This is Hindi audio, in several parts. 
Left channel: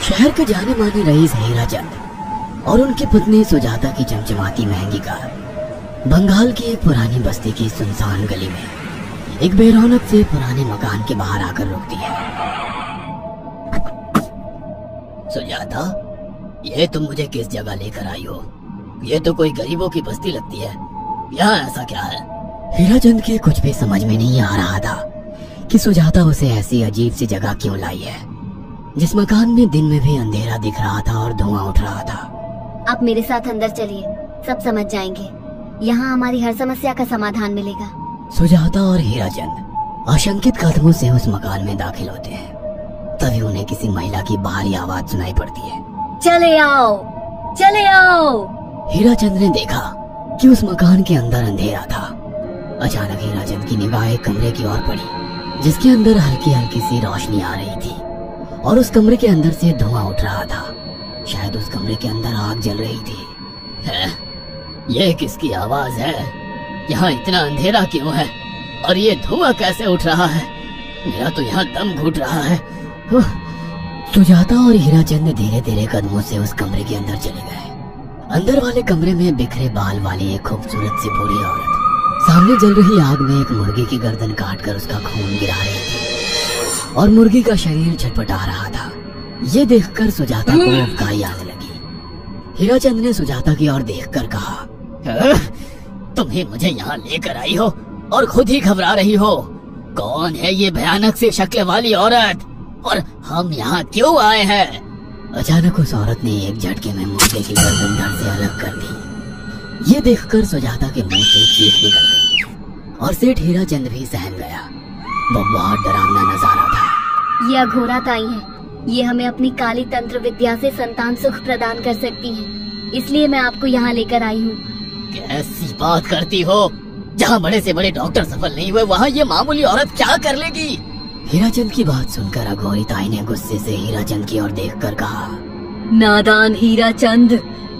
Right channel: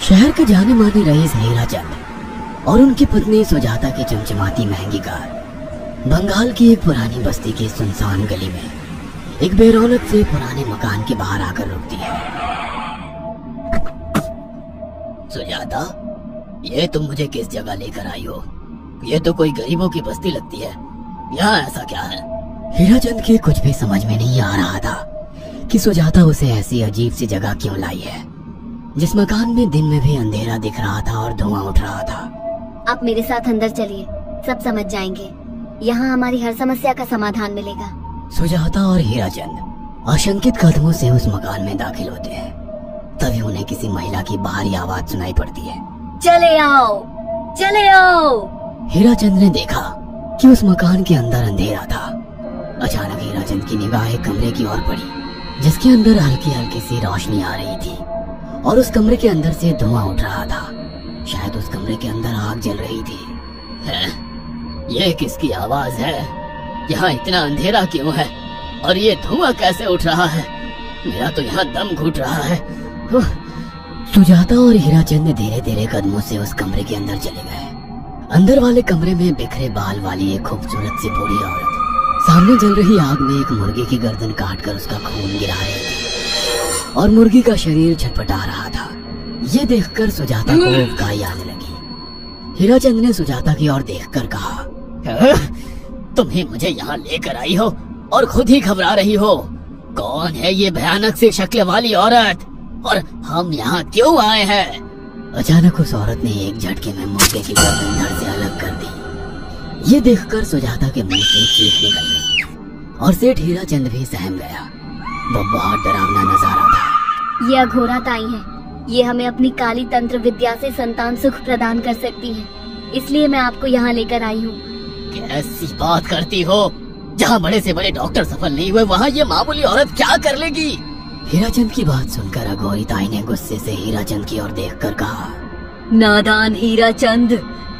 शहर के जाने माने रईस हीराचंद और उनकी पत्नी सुजाता की चमचमाती महंगी कार बंगाल की एक पुरानी बस्ती की सुनसान गली में एक बेरौनक से पुराने मकान के बाहर आकर रुकती है। सुजाता, ये तुम मुझे किस जगह लेकर आई हो? ये तो कोई गरीबों की बस्ती लगती है, यहाँ ऐसा क्या है? हीराचंद के कुछ भी समझ में नहीं आ रहा था कि सुजाता उसे ऐसी अजीब सी जगह क्यों लाई है, जिस मकान में दिन में भी अंधेरा दिख रहा था और धुआं उठ रहा था। आप मेरे साथ अंदर चलिए, सब समझ जाएंगे। यहाँ हमारी हर समस्या का समाधान मिलेगा। सुजाता और हीराचंद आशंकित कदमों से उस मकान में दाखिल होते हैं। तभी उन्हें किसी महिला की बाहरी आवाज सुनाई पड़ती है। चले आओ, चले आओ। हीराचंद ने देखा कि उस मकान के अंदर अंधेरा था। अचानक हीराचंद की निगाह एक कमरे की ओर पड़ी, जिसके अंदर हल्की हल्की सी रोशनी आ रही थी और उस कमरे के अंदर से धुआं उठ रहा था। शायद उस कमरे के अंदर आग जल रही थी। है? ये किसकी आवाज है? यहाँ इतना अंधेरा क्यों है और ये धुआं कैसे उठ रहा है? मेरा तो यहाँ दम घुट रहा है। सुजाता और हीराचंद धीरे धीरे कदमों से उस कमरे के अंदर चले गए। अंदर वाले कमरे में बिखरे बाल वाली एक खूबसूरत सी बूढ़ी औरत सामने जल रही आग में एक मुर्गी की गर्दन काटकर उसका खून गिरा रही थी और मुर्गी का शरीर छटपटा रहा था। ये देखकर सुजाता को उबकाई आने लगी। हीराचंद ने सुजाता की ओर देखकर कहा, तुम ही मुझे यहाँ लेकर आई हो और खुद ही घबरा रही हो। कौन है ये भयानक सी शक्ल वाली औरत और हम यहाँ क्यों आए हैं? अचानक उस औरत ने एक झटके में मुर्गे की गर्दन धड़ से अलग कर दी। ये देखकर सुजाता के मुंह से चीख निकल गई और सेठ हीराचंद भी सहम गया। वो बहुत डरावना नजारा था। ये अघोराताई है। ये हमें अपनी काली तंत्र विद्या से संतान सुख प्रदान कर सकती है, इसलिए मैं आपको यहाँ लेकर आई हूँ। कैसी बात करती हो? जहाँ बड़े से बड़े डॉक्टर सफल नहीं हुए, वहाँ ये मामूली औरत क्या कर लेगी? हीराचंद की बात सुनकर अघोरिताई ने गुस्से से हीराचंद की ओर देखकर कहा, नादान हीराचंद,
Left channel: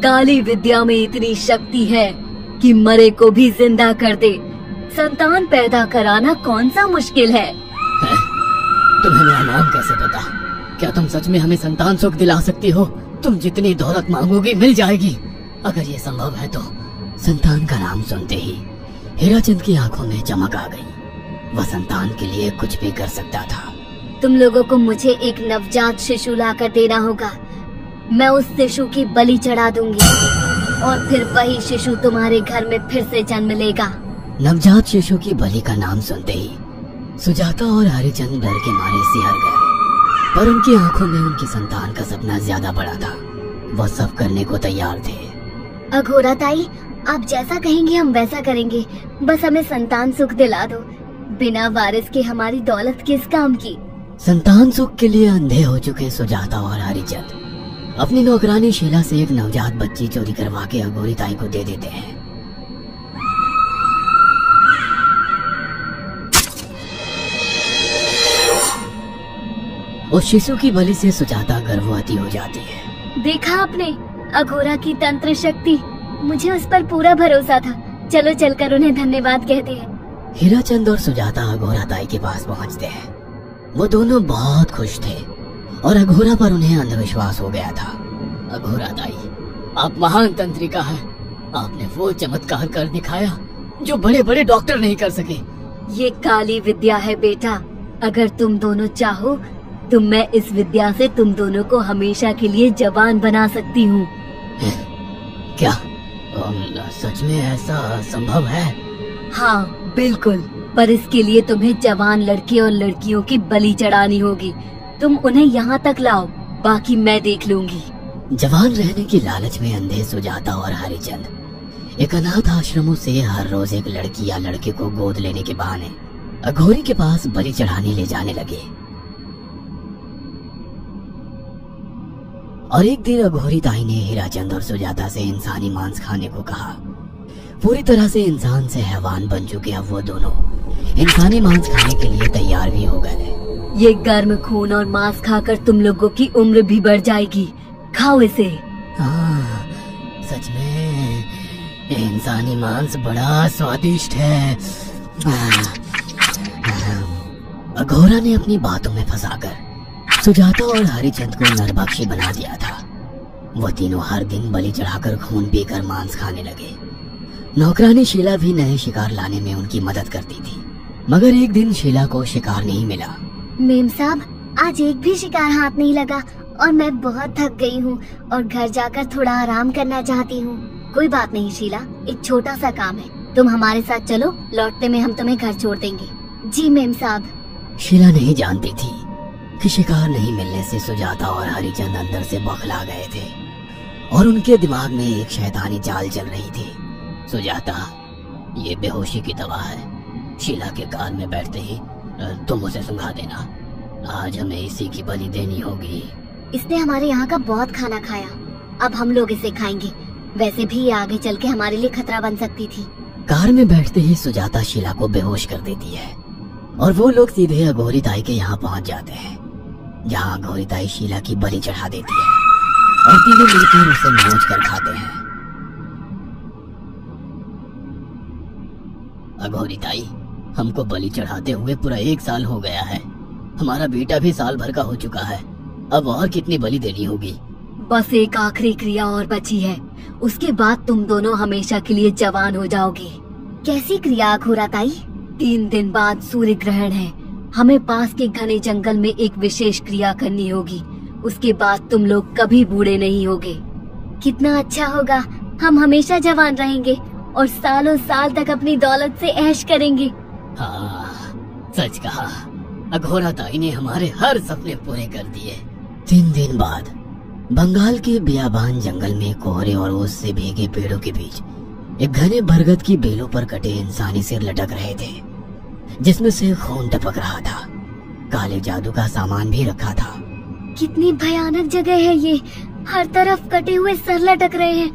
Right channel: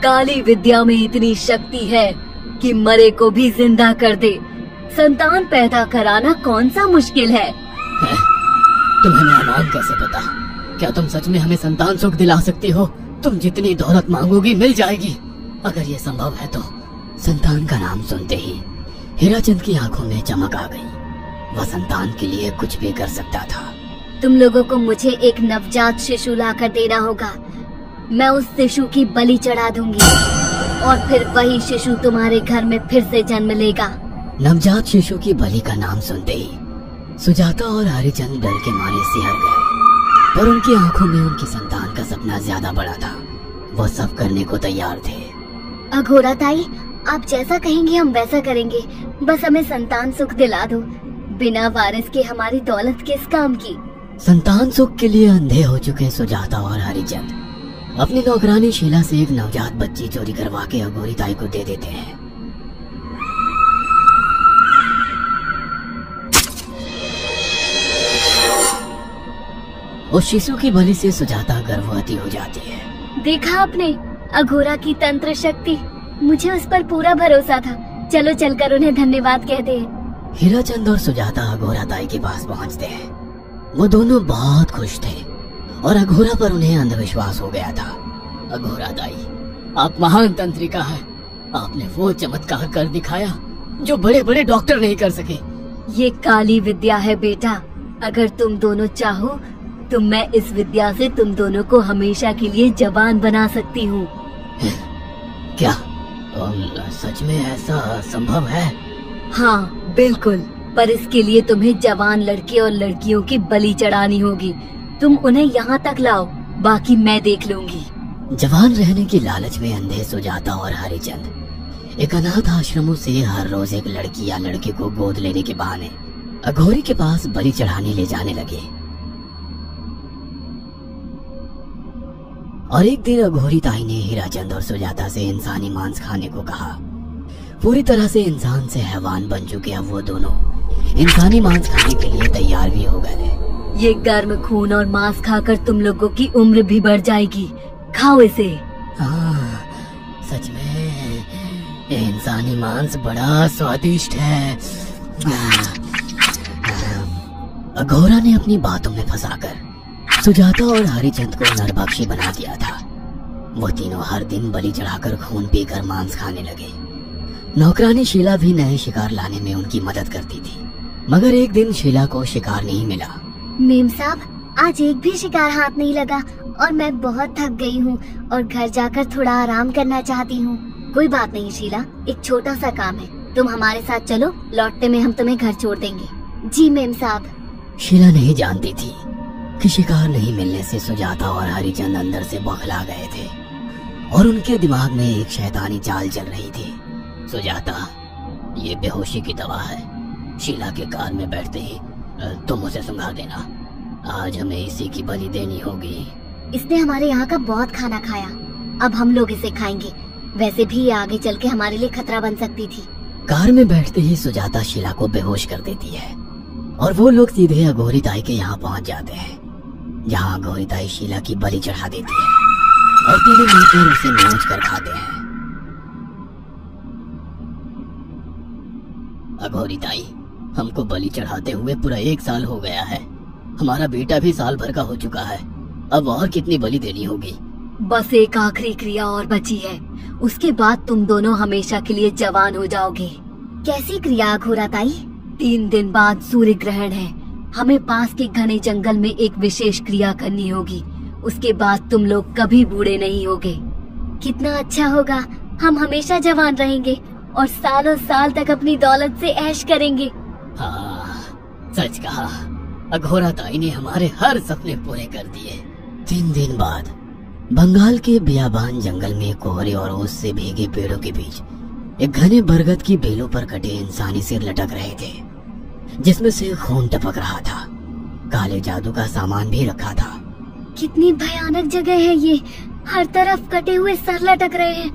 काली विद्या में इतनी शक्ति है कि मरे को भी जिंदा कर दे। संतान पैदा कराना कौन सा मुश्किल है? तुम्हें मेरा नाम कैसे पता? क्या तुम सच में हमें संतान सुख दिला सकती हो? तुम जितनी दौलत मांगोगी मिल जाएगी। अगर ये संभव है तो। संतान का नाम सुनते ही हीराचंद की आंखों में चमक आ गई। वह संतान के लिए कुछ भी कर सकता था। तुम लोगों को मुझे एक नवजात शिशु लाकर देना होगा। मैं उस शिशु की बलि चढ़ा दूंगी और फिर वही शिशु तुम्हारे घर में फिर से जन्म लेगा। नवजात शिशु की बलि का नाम सुनते ही सुजाता और हरिचंद डर के मारे सिहर गए, पर उनकी आंखों में उनकी संतान का सपना ज्यादा बड़ा था। वो सब करने को तैयार थे। अघोराताई, आप जैसा कहेंगे हम वैसा करेंगे। बस हमें संतान सुख दिला दो। बिना वारिस के हमारी दौलत किस काम की? संतान सुख के लिए अंधे हो चुके सुजाता और हरिचंद अपनी नौकरानी शीला से एक नवजात बच्ची चोरी करवा के अघोरिताई को दे देते हैं। उस शिशु की बलि से सुजाता गर्भवती हो जाती है। देखा आपने, अघोरा की तंत्र शक्ति। मुझे उस पर पूरा भरोसा था। चलो चलकर उन्हें धन्यवाद कहते हैं। हीराचंद और सुजाता अघोराताई के पास पहुंचते हैं। वो दोनों बहुत खुश थे और अघोरा पर उन्हें अंधविश्वास हो गया था। अघोराताई, आप महान तंत्रिका हैं। आपने वो चमत्कार कर दिखाया जो बड़े बड़े डॉक्टर नहीं कर सके। ये काली विद्या है बेटा। अगर तुम दोनों चाहो तो मैं इस विद्या से तुम दोनों को हमेशा के लिए जवान बना सकती हूँ। क्या सच में ऐसा संभव है? हाँ बिल्कुल, पर इसके लिए तुम्हें जवान लड़के और लड़कियों की बलि चढ़ानी होगी। तुम उन्हें यहाँ तक लाओ, बाकी मैं देख लूंगी। जवान रहने की लालच में अंधे सुजाता और हरिचंद एक अनाथ आश्रमों से हर रोज एक लड़की या लड़के को गोद लेने के बहाने अघोरी के पास बलि चढ़ाने ले जाने लगे। और एक दिन अघोरिताई ने हीराचंद और सुजाता से इंसानी मांस खाने को कहा। पूरी तरह से इंसान से हैवान बन चुके अब वो दोनों इंसानी मांस खाने के लिए तैयार भी हो गए। ये गर्म खून और मांस खाकर तुम लोगों की उम्र भी बढ़ जाएगी। खाओ इसे। हाँ, सच में ये इंसानी मांस बड़ा स्वादिष्ट है। अघोरा ने अपनी बातों में फंसाकर सुजाता और हरिचंद को नरभक्षी बना दिया था। वो तीनों हर दिन बलि चढ़ाकर खून पीकर मांस खाने लगे। नौकरानी शीला भी नए शिकार लाने में उनकी मदद करती थी, मगर एक दिन शीला को शिकार नहीं मिला। मेम साहब, आज एक भी शिकार हाथ नहीं लगा और मैं बहुत थक गई हूँ और घर जाकर थोड़ा आराम करना चाहती हूँ। कोई बात नहीं शीला, एक छोटा सा काम है, तुम हमारे साथ चलो, लौटते में हम तुम्हें घर छोड़ देंगे। जी मेम साहब। शीला नहीं जानती थी कि शिकार नहीं मिलने से सुजाता और हरिचंद अंदर से बौखला गए थे और उनके दिमाग में एक शैतानी चाल चल रही थी। सुजाता, ये बेहोशी की दवा है। शीला के कान में बैठते ही तुम उसे सुंघा देना। आज हमें इसी की बलि देनी होगी। इसने हमारे यहाँ का बहुत खाना खाया, अब हम लोग इसे खाएंगे। वैसे भी ये आगे चल के हमारे लिए खतरा बन सकती थी। कार में बैठते ही सुजाता शीला को बेहोश कर देती है और वो लोग सीधे अघोरी ताई के यहाँ पहुँच जाते हैं, जहाँ अघोरी ताई शीला की बलि चढ़ा देती है और तीनों मिलकर उसे नोच कर खाते हैं। अघोरी ताई, हमको बलि चढ़ाते हुए पूरा 1 साल हो गया है। हमारा बेटा भी साल भर का हो चुका है। अब और कितनी बलि देनी होगी? बस एक आखिरी क्रिया और बची है, उसके बाद तुम दोनों हमेशा के लिए जवान हो जाओगे। कैसी क्रिया अघोरा ताई? 3 दिन बाद सूर्य ग्रहण है। हमें पास के घने जंगल में एक विशेष क्रिया करनी होगी। उसके बाद तुम लोग कभी बूढ़े नहीं होगे। कितना अच्छा होगा, हम हमेशा जवान रहेंगे और सालों साल तक अपनी दौलत से ऐश करेंगे। हाँ, सच कहा। अघोरा ताई ने हमारे हर सपने पूरे कर दिए। 3 दिन बाद बंगाल के बियाबान जंगल में कोहरे और ओस से भीगे पेड़ों के बीच एक घने बरगद की बेलों पर कटे इंसानी सिर लटक रहे थे, जिसमें से खून टपक रहा था। काले जादू का सामान भी रखा था। कितनी भयानक जगह है ये, हर तरफ कटे हुए सर लटक रहे हैं।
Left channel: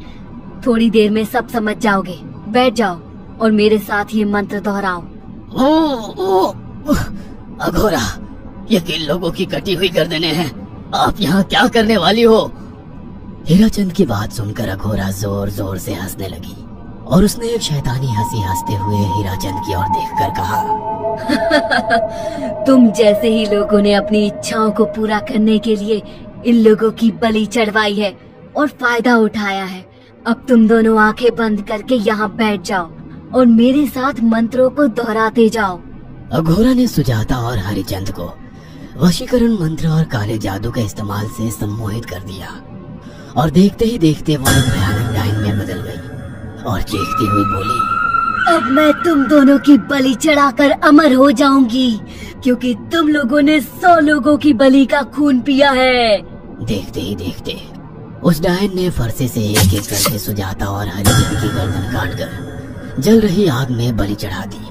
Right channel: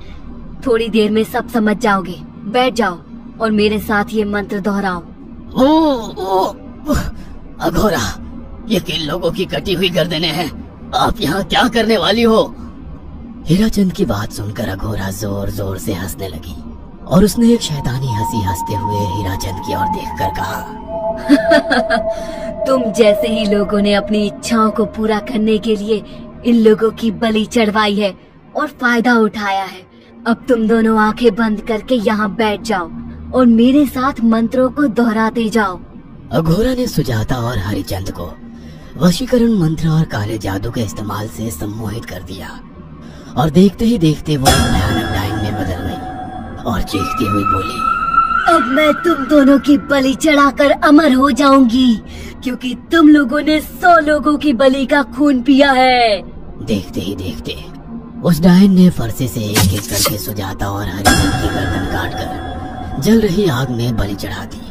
थोड़ी देर में सब समझ जाओगे। बैठ जाओ और मेरे साथ ये मंत्र दोहराओ। ओ, अघोरा, ये किन लोगों की कटी हुई गर्दनें हैं? आप यहाँ क्या करने वाली हो? हीराचंद की बात सुनकर अघोरा जोर जोर से हंसने लगी और उसने एक शैतानी हंसी हंसते हुए हीराचंद की ओर देखकर कहा, तुम जैसे ही लोगों ने अपनी इच्छाओं को पूरा करने के लिए इन लोगों की बलि चढ़वाई है और फायदा उठाया है। अब तुम दोनों आंखें बंद करके यहाँ बैठ जाओ और मेरे साथ मंत्रों को दोहराते जाओ। अघोरा ने सुजाता और हरिचंद को वशीकरण मंत्र और काले जादू के इस्तेमाल से सम्मोहित कर दिया और देखते ही देखते वो एक भयानक डायन में बदल गई और चीखती हुई बोली, अब मैं तुम दोनों की बलि चढ़ाकर अमर हो जाऊंगी, क्योंकि तुम लोगों ने 100 लोगों की बलि का खून पिया है। देखते ही देखते उस डायन ने फरसे से एक एक करके सुजाता और हरिचंद की गर्दन काटकर जल रही आग में बलि चढ़ा दी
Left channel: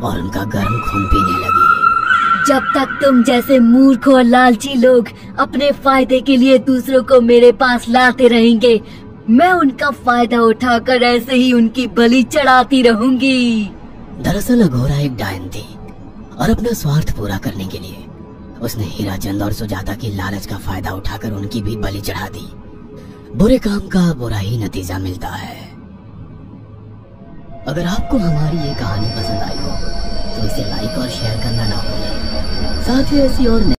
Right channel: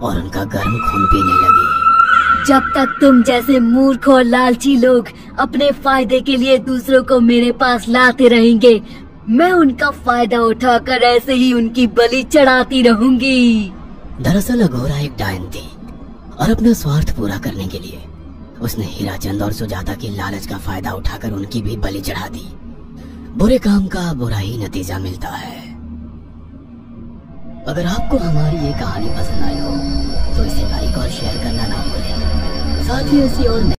और उनका गर्म खून पीने लगी। जब तक तुम जैसे मूर्ख और लालची लोग अपने फायदे के लिए दूसरों को मेरे पास लाते रहेंगे, मैं उनका फायदा उठाकर ऐसे ही उनकी बलि चढ़ाती रहूंगी। दरअसल अघोरा एक डायन थी और अपना स्वार्थ पूरा करने के लिए उसने हीराचंद और सुजाता की लालच का फायदा उठाकर उनकी भी बलि चढ़ा दी। बुरे काम का बुरा ही नतीजा मिलता है। अगर आपको हमारी ये कहानी पसंद आई हो तो इसे लाइक और शेयर करना ना भूलें। साथ ही ऐसी और